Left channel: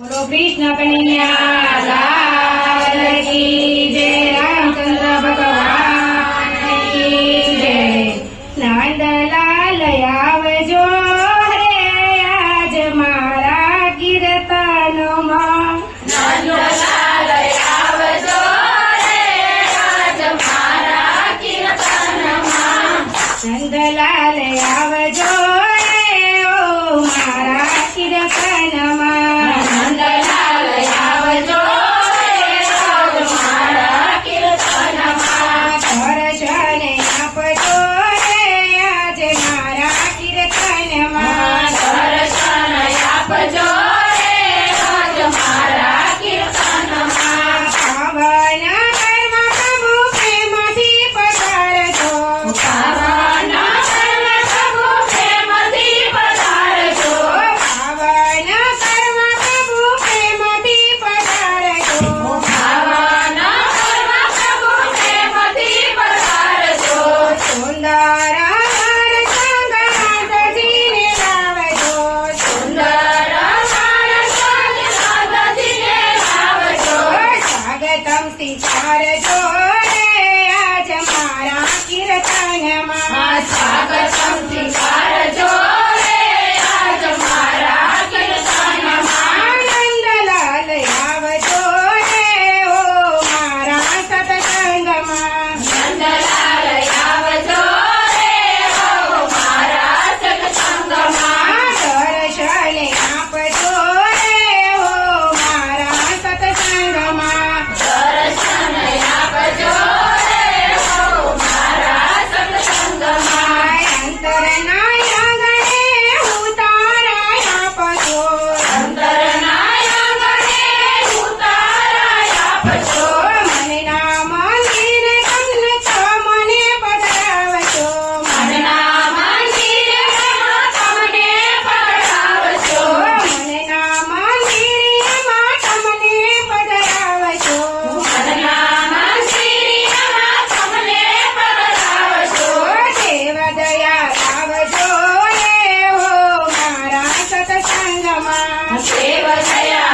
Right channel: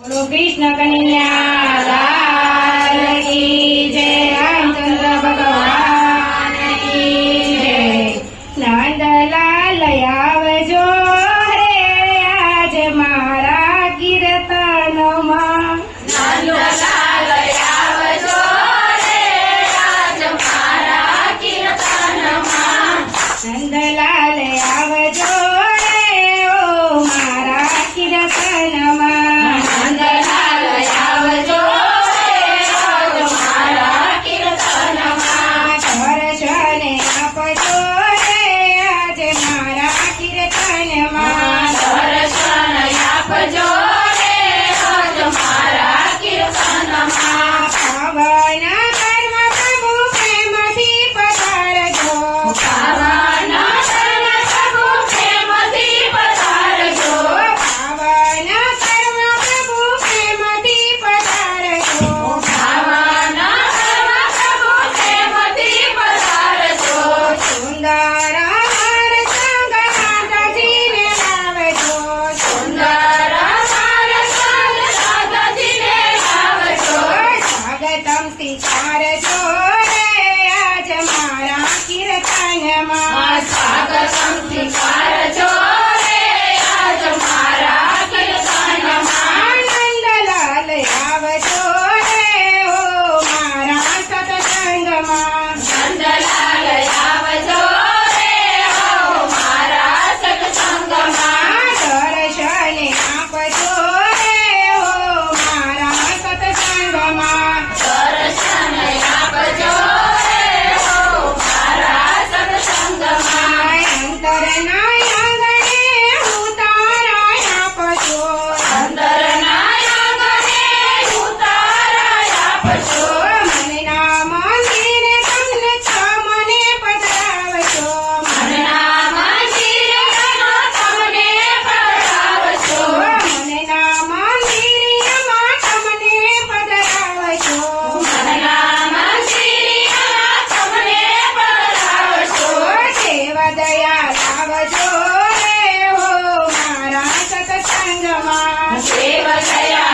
बोलो कृष्ण कन्या लाल जय रामचंद्र भगवान की नंदलाल आवजो रे आज मारा कीर्तनो नंदलाल आवजो रे आज मारा कीर्तनो नंदलाल आवजो रे ओ मारा कीर्तनमा Mama. 谁和谁呀、